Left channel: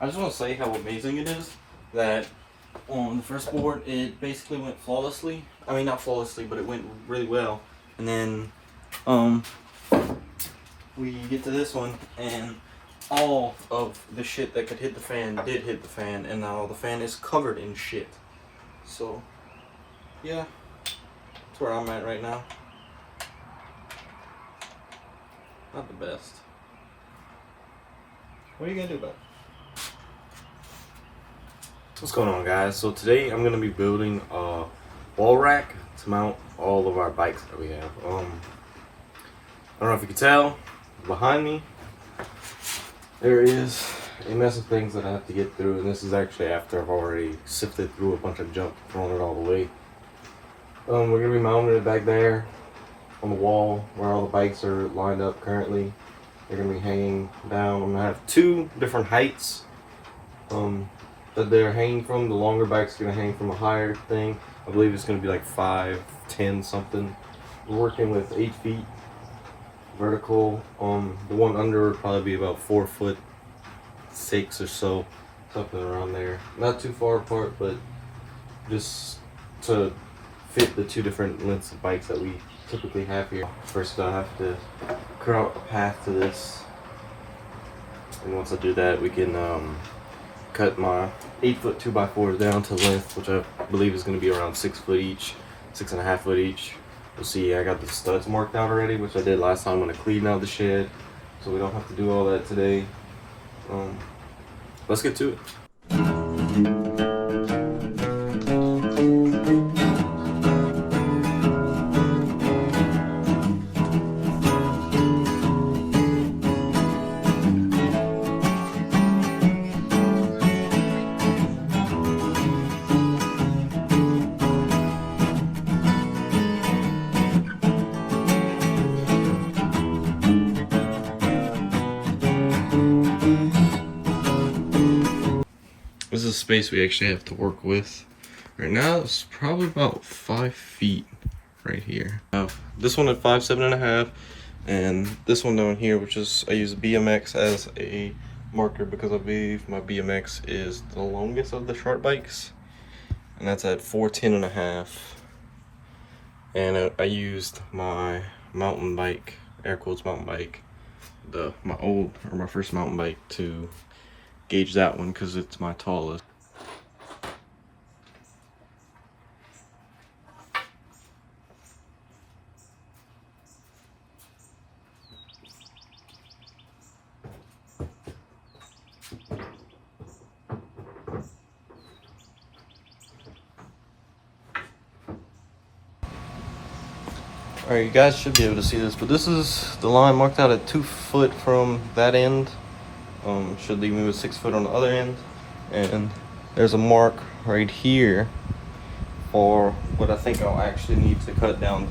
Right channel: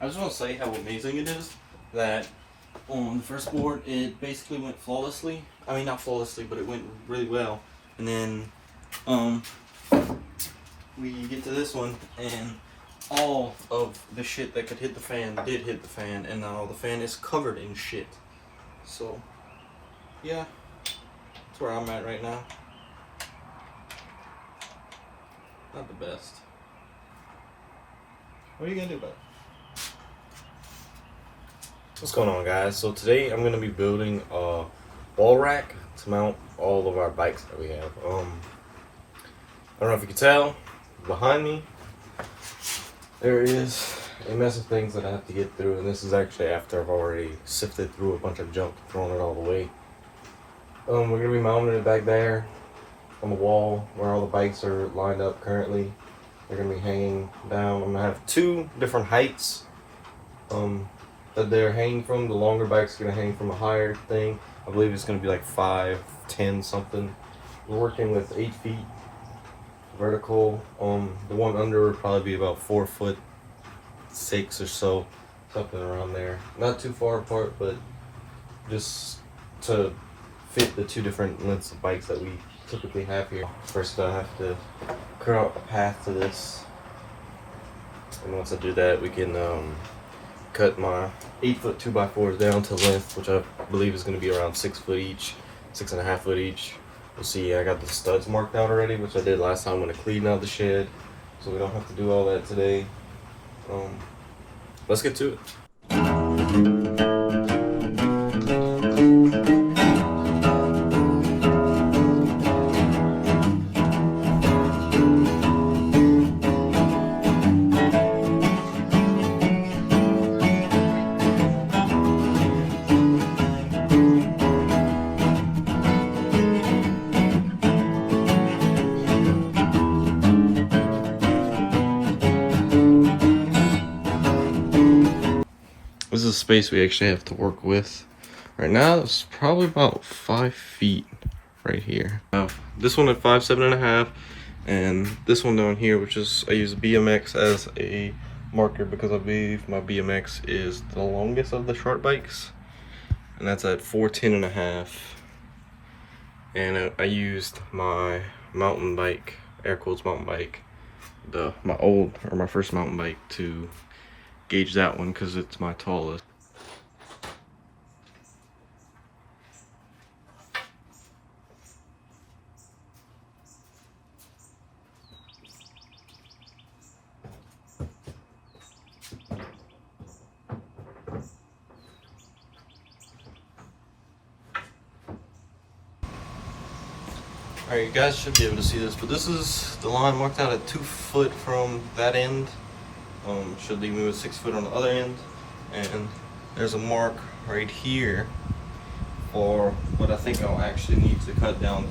I just want to say how amazing it is that on the first board it basically went flawlessly. I mean, not flawlessly, but it went really well. And then we get to this one, and all of the shit that could hit the fan did hit the fan, and now the fan is covered in shit. So, yeah, that's where I'm at right now. Not the best. What are you gonna do about it? What's going on, guys? So today I'm gonna be building a wall rack to mount all of our bikes that we have. I don't know if you can tell behind me there is a mess of things that I have to get through, and this is actually after I've already sifted through a bunch of junk, thrown it all away. We're gonna be mounting it back there on the wall where all the bikes are lined up currently. They're gonna be hanging down. I'm gonna have two different heights that they're hanging from. The longer bike's gonna hang from a higher thing. I believe it's gonna be like 5'10" something. We're working with 8 feet vertical. The one under would probably be about 4'6" or so, something around there. Not too far apart, but just to fit the two different lengths of bikes that we typically have here. First, I'll have to cut out a path to this, and once I do that, we can cut my 8-foot 2x4s down to length, which I believe is going to be around 6 foot each, 6.5 foot each. We'll see. I got the studs marked out already, which I did last time when I cleaned out the shed, so we don't have to do all that today. Let's get to it. This is the space we actually have to work with. Right now, it's probably about 5 feet right here. This one at 5'7.5", and this one down here, which is, I use BMX as a marker because I believe my BMX is the longest of the short bikes, and that's at 4'10.5". And I used my mountain bike, air quotes mountain bike, my first mountain bike, to gauge that one because it's my tallest. Alright, you guys should be able to see this, but this is the line marked out at 2 foot from that end. Should leave me with 6 foot on the other end. And there's a mark right here for what I think I'll actually need to cut down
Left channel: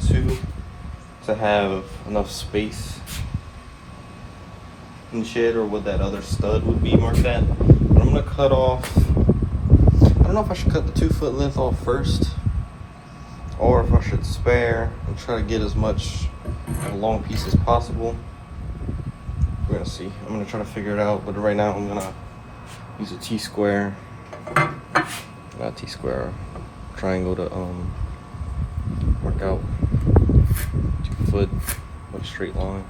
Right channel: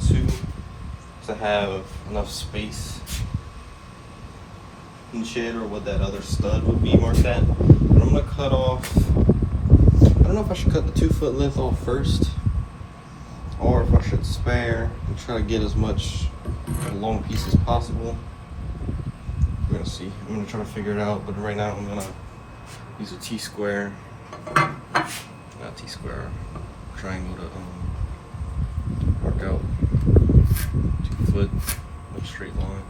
to have enough space in the shed, or what that other stud would be marked at. But I'm gonna cut off, I don't know if I should cut the 2 foot length off first, or if I should spare and try to get as much a long piece as possible. We're gonna see. I'm gonna try to figure it out, but right now I'm gonna use a T-square, not T-square, triangle to mark out 2 foot or straight line.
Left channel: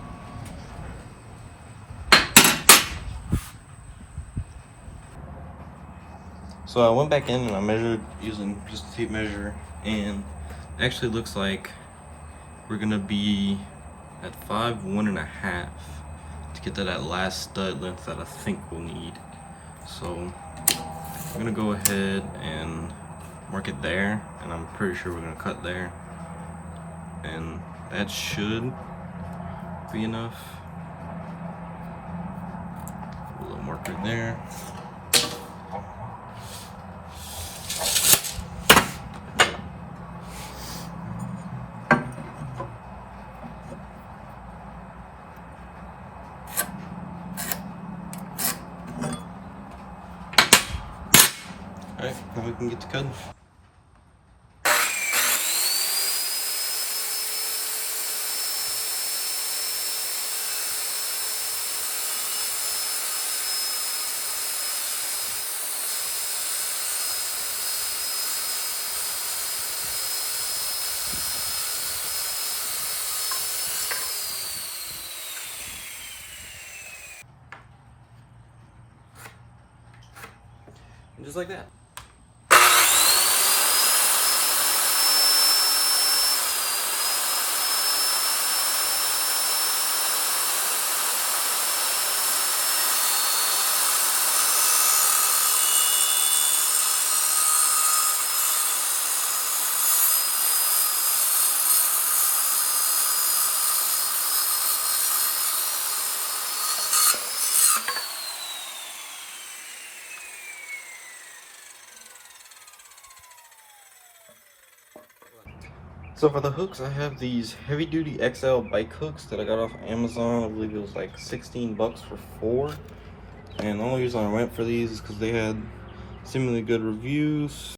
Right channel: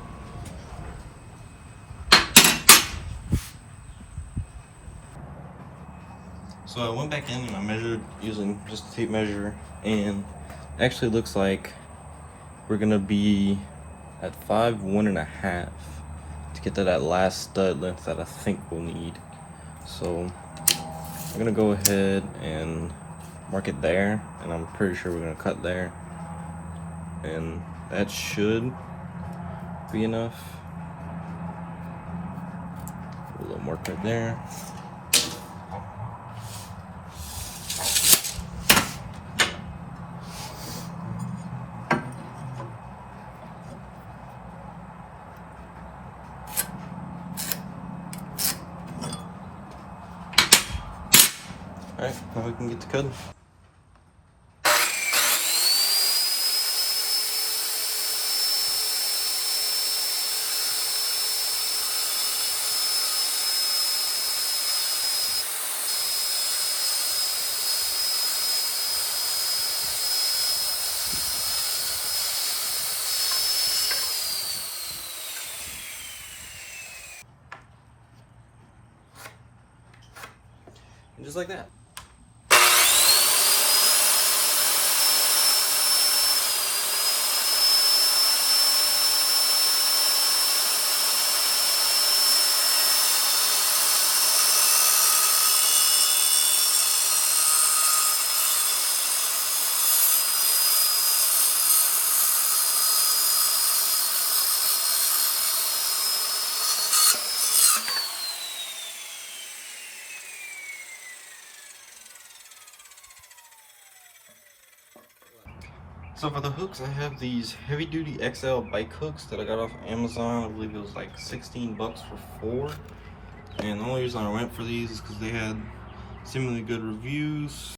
So I went back in and I measured using just a tape measure, and actually looks like we're gonna be at 5'1.5" to get to that last stud length that I think we'll need. So I'm gonna go ahead and mark it there, and I'm pretty sure we're gonna cut there, and that should be enough. A little mark right there. Alright, now we can get to cutting. And just like that. So for the hooks, I have these heavy duty XL bike hooks that I got off Amazon. I believe it was like 16 bucks for 4. And the only reason I went for these is because they had seemingly good reviews.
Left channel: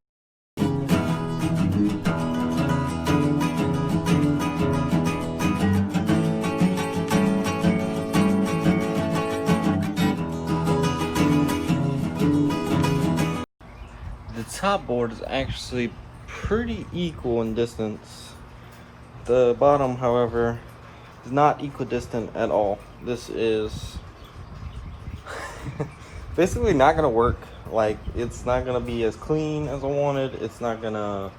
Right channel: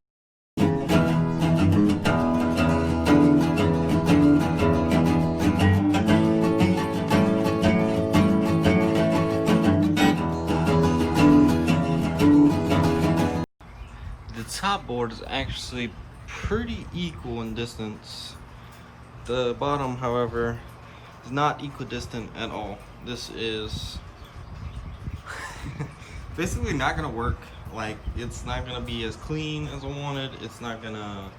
The top board is actually pretty equal in distance. The bottom, however, is not equidistant at all. This is basically not gonna work. Like, it's not gonna be as clean as I wanted. It's not gonna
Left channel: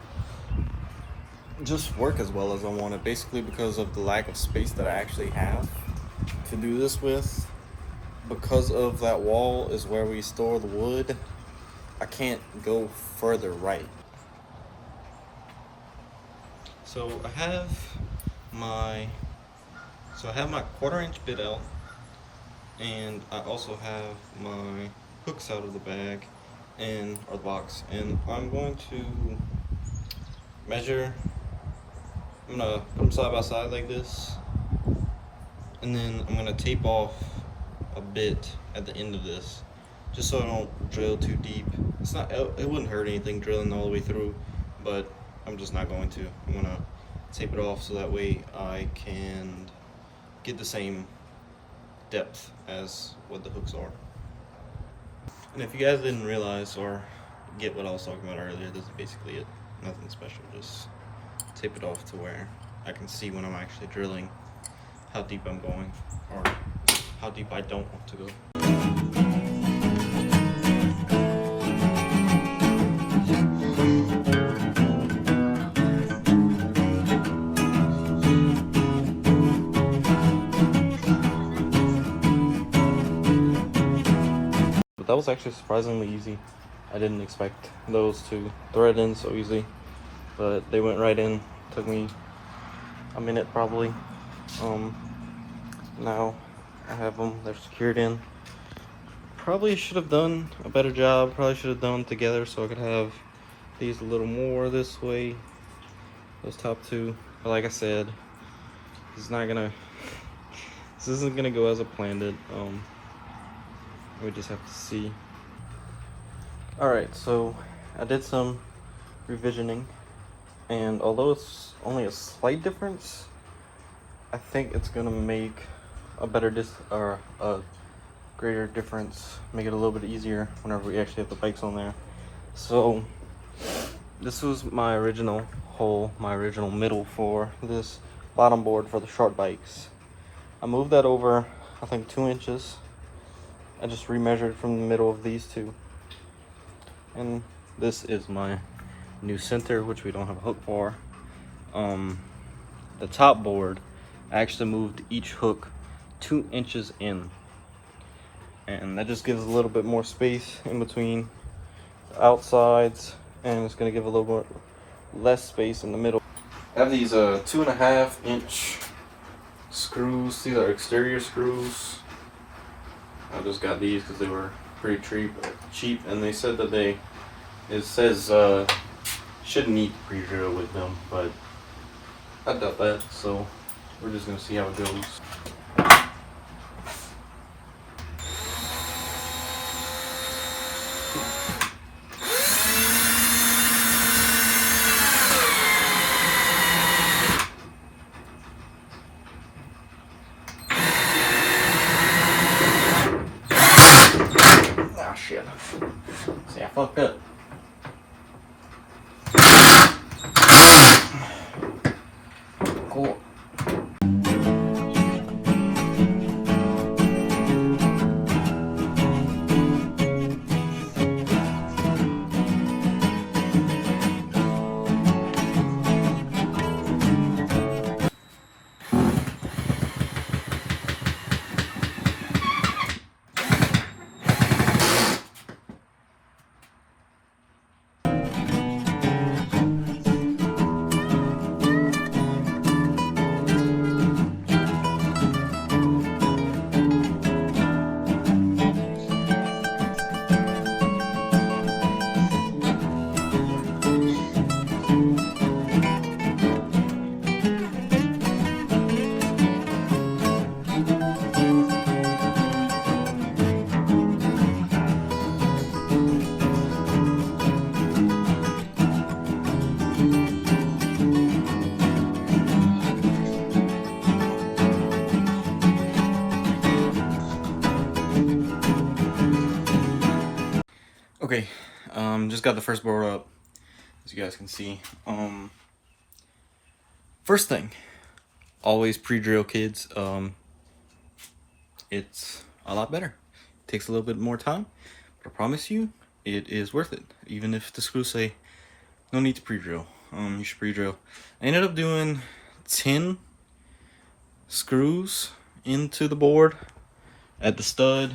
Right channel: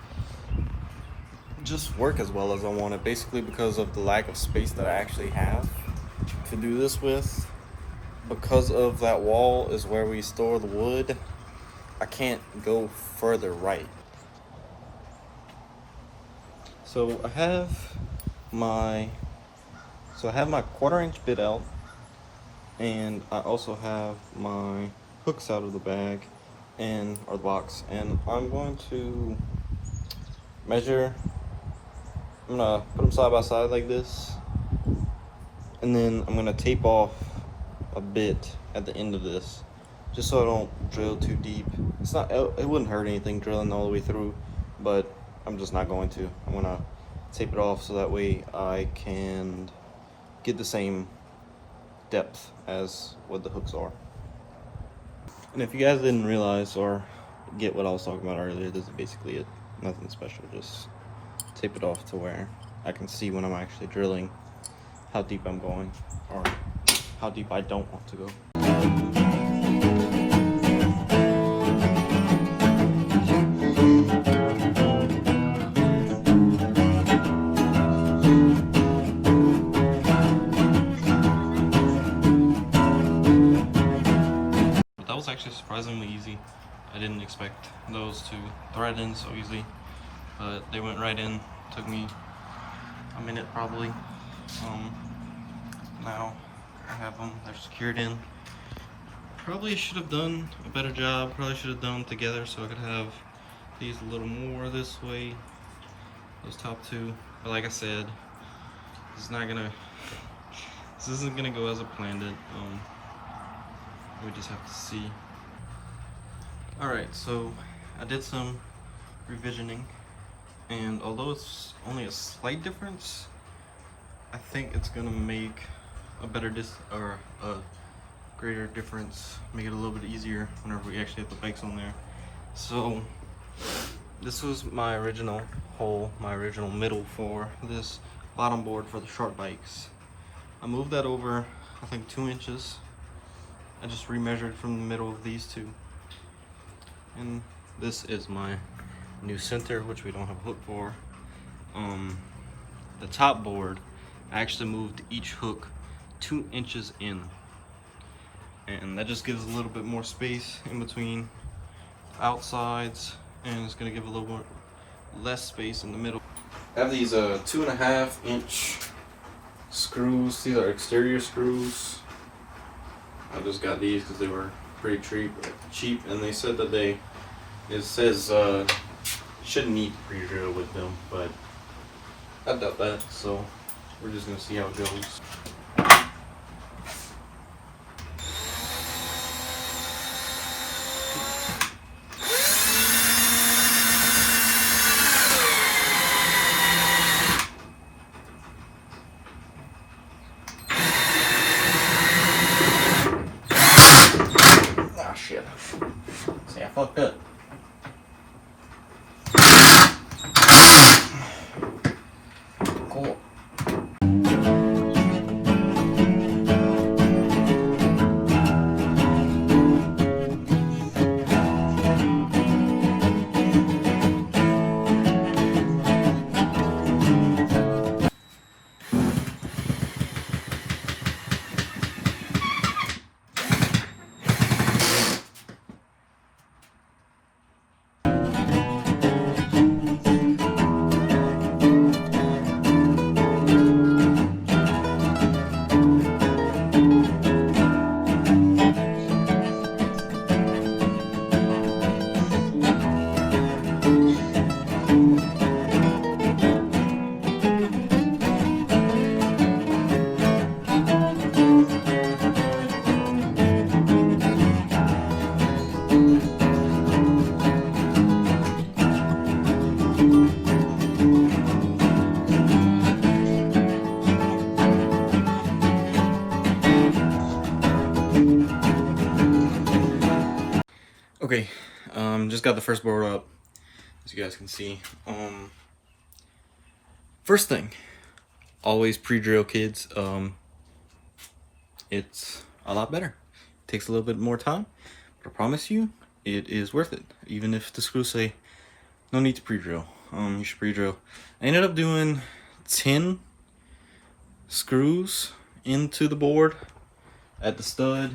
just work as well as I wanted, basically because of the lack of space that I actually have to do this with. Because of that wall is where we store the wood, I can't go further right. So I have my 1/4 inch bit out, and I also have my hooks out of the bag or the box, and I'm going to measure. I'm gonna put them side by side like this, and then I'm gonna tape off a bit at the end of this, just so I don't drill too deep. It wouldn't hurt anything drilling all the way through, but I'm just not going to. I'm gonna tape it off so that way I can get the same depth as what the hooks are. And if you guys didn't realize or get what I was talking about earlier, this is basically it. Nothing special, just tape it off to where I can see when I'm actually drilling how deep I'm going, or how deep I don't want to go. But that was actually surprisingly easy. I didn't expect those to thread in so easy, but they went right in. Took me a minute probably. Now I have them, they're secured in. Probably should have done a better job, probably should have done them together so I could have these a little more this way, those top two. But like I said, this isn't gonna go as I planned it. We just have to see. Alright, so I did some revisioning, and although it's only a slight difference, I think it's gonna make a greater difference, make it a little bit easier whenever we actually have the bikes on there. So this was my original hole, my original middle for this bottom board for the short bikes. I moved that over, I think 2 inches. I just remeasured from the middle of these two. And this is my new center, which we don't have a hook for. The top board, I actually moved each hook 2 inches in, and that just gives a little bit more space in between the outsides, and it's going to give a little bit less space in the middle. I have these 2.5 inch screws. These are exterior screws. I just got these because they were pretty cheap, and they said that it says shouldn't need to pre-drill with them, but I doubt that, so we're just gonna see how it goes. Ah, shit. See, I fucked up. Cool. Okay, just got the first board up, as you guys can see. First thing, always pre-drill, kids. It's a lot better. Takes a little bit more time, but I promise you, it is worth it. Even if the screws say no need to pre-drill, you should pre-drill. I ended up doing 10 screws into the board at the stud,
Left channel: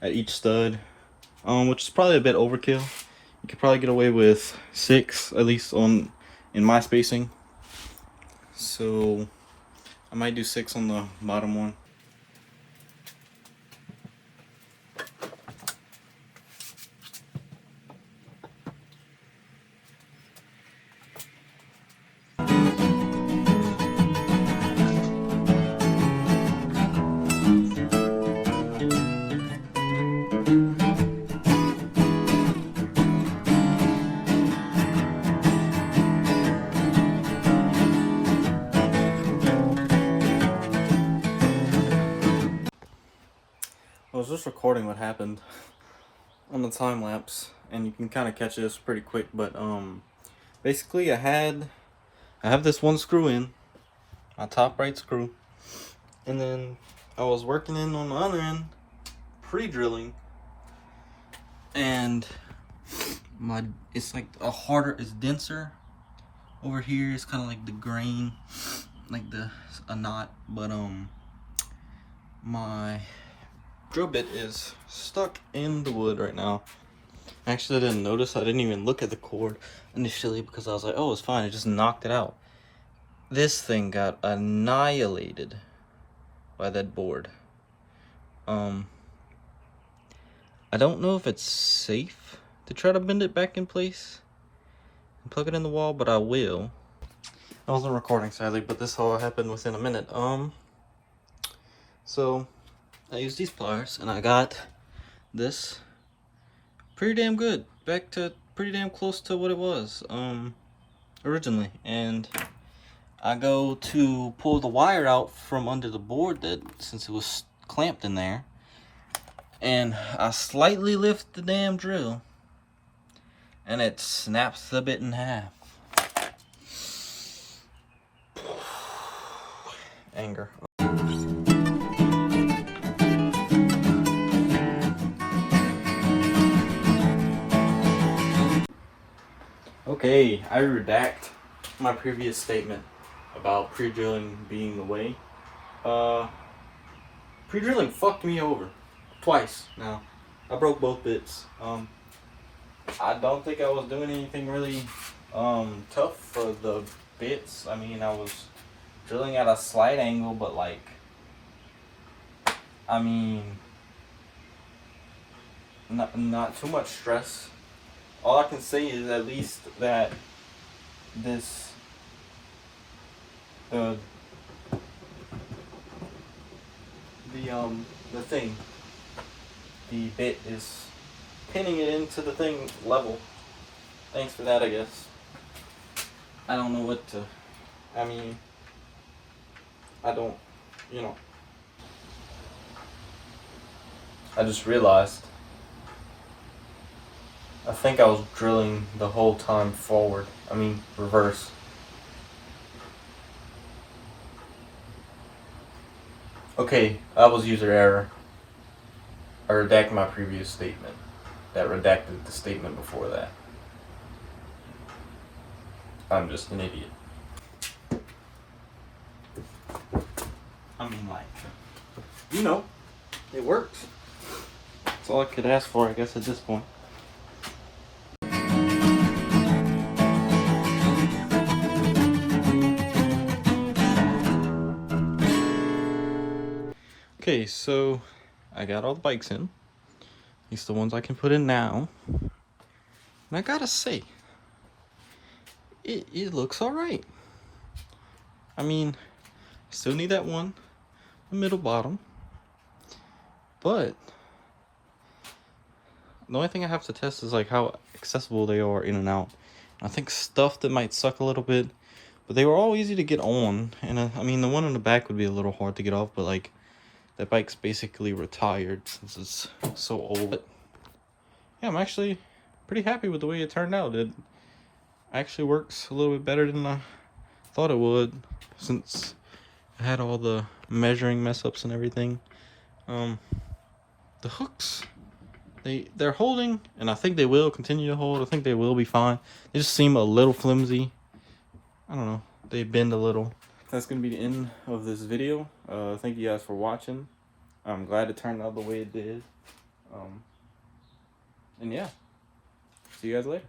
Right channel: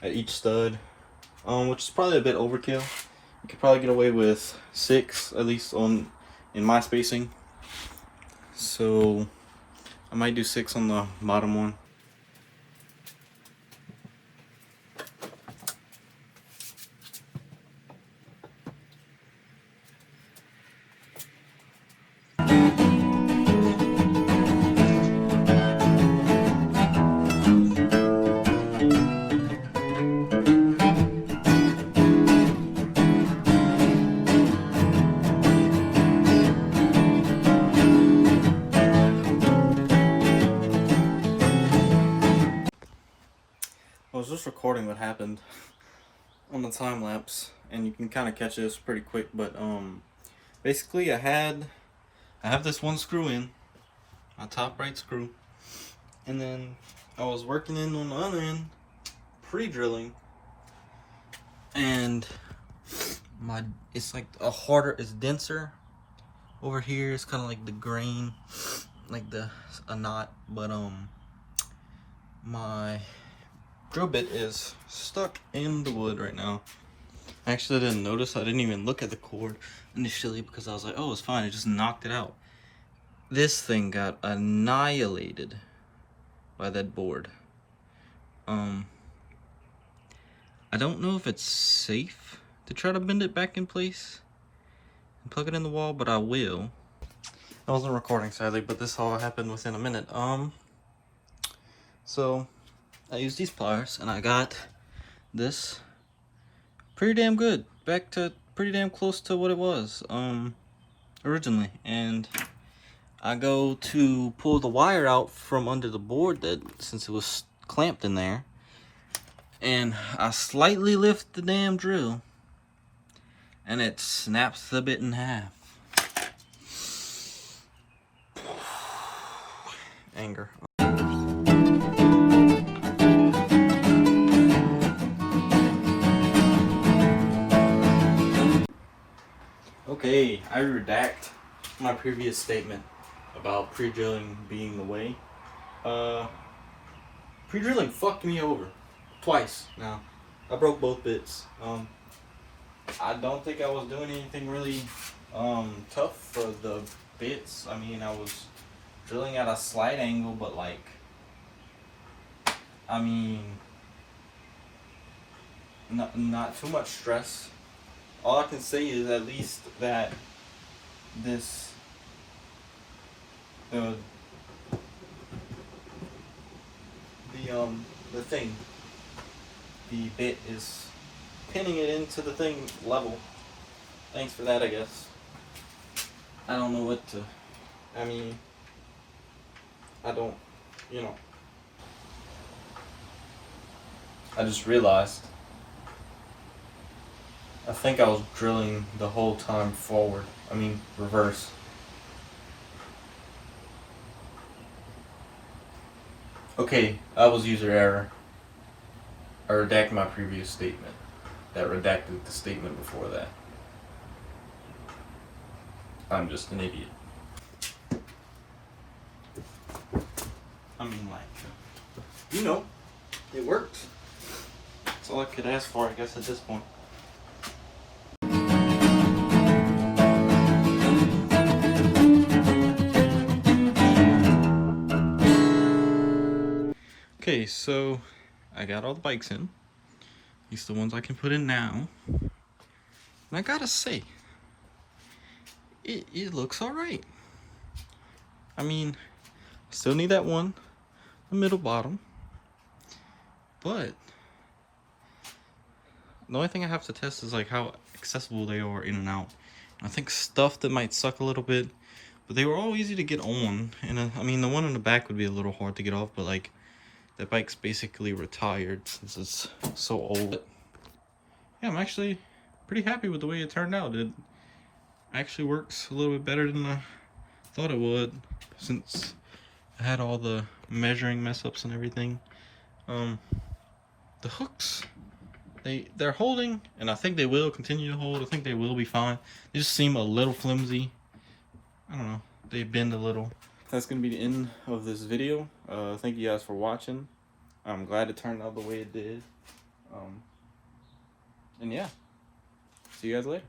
at each stud, which is probably a bit overkill. You could probably get away with 6, at least in my spacing. So I might do 6 on the bottom one. I was just recording what happened on the time lapse, and you can kind of catch this pretty quick. But basically, I have this one screw in, my top right screw, and then I was working in on the other end, pre-drilling, and it's like it's denser over here. It's kind of like the grain, like a knot, but my drill bit is stuck in the wood right now. Actually, I didn't notice. I didn't even look at the cord initially because I was like, oh, it's fine. It just knocked it out. This thing got annihilated by that board. I don't know if it's safe to try to bend it back in place and plug it in the wall, but I will. I wasn't recording, sadly, but this all happened within a minute. So I used these pliers, and I got this pretty damn good, back to pretty damn close to what it was originally. And I go to pull the wire out from under the board, since it was clamped in there, and I slightly lift the damn drill, and it snaps the bit in half. Anger. Okay, I redact my previous statement about pre-drilling being the way. Pre-drilling fucked me over twice now. I broke both bits. I don't think I was doing anything really tough for the bits. I mean, I was drilling at a slight angle, but like, I mean, not too much stress. All I can say is at least that this the bit is pinning it into the thing level. Thanks for that, I guess. I don't know what to, I mean, I don't, I just realized I think I was drilling the whole time forward. I mean, reverse. Okay, that was user error. I redacted my previous statement. That redacted the statement before that. I'm just an idiot. I mean, like, it works. That's all I could ask for, I guess, at this point. Okay, so I got all the bikes in. These are the ones I can put in now. And I gotta say, it looks alright. I mean, I still need that one, the middle bottom. But the only thing I have to test is like how accessible they are in and out. I think stuff that might suck a little bit, but they were all easy to get on. And I mean, the one in the back would be a little hard to get off, but like, that bike's basically retired since it's so old. yeah, I'm actually pretty happy with the way it turned out. It actually works a little bit better than I thought it would, since I had all the measuring mess ups and everything. The hooks, they're holding, and I think they will continue to hold. I think they will be fine. They just seem a little flimsy. I don't know, they bend a little. That's gonna be the end of this video. Thank you guys for watching. I'm glad it turned out the way it did. And yeah, see you guys later.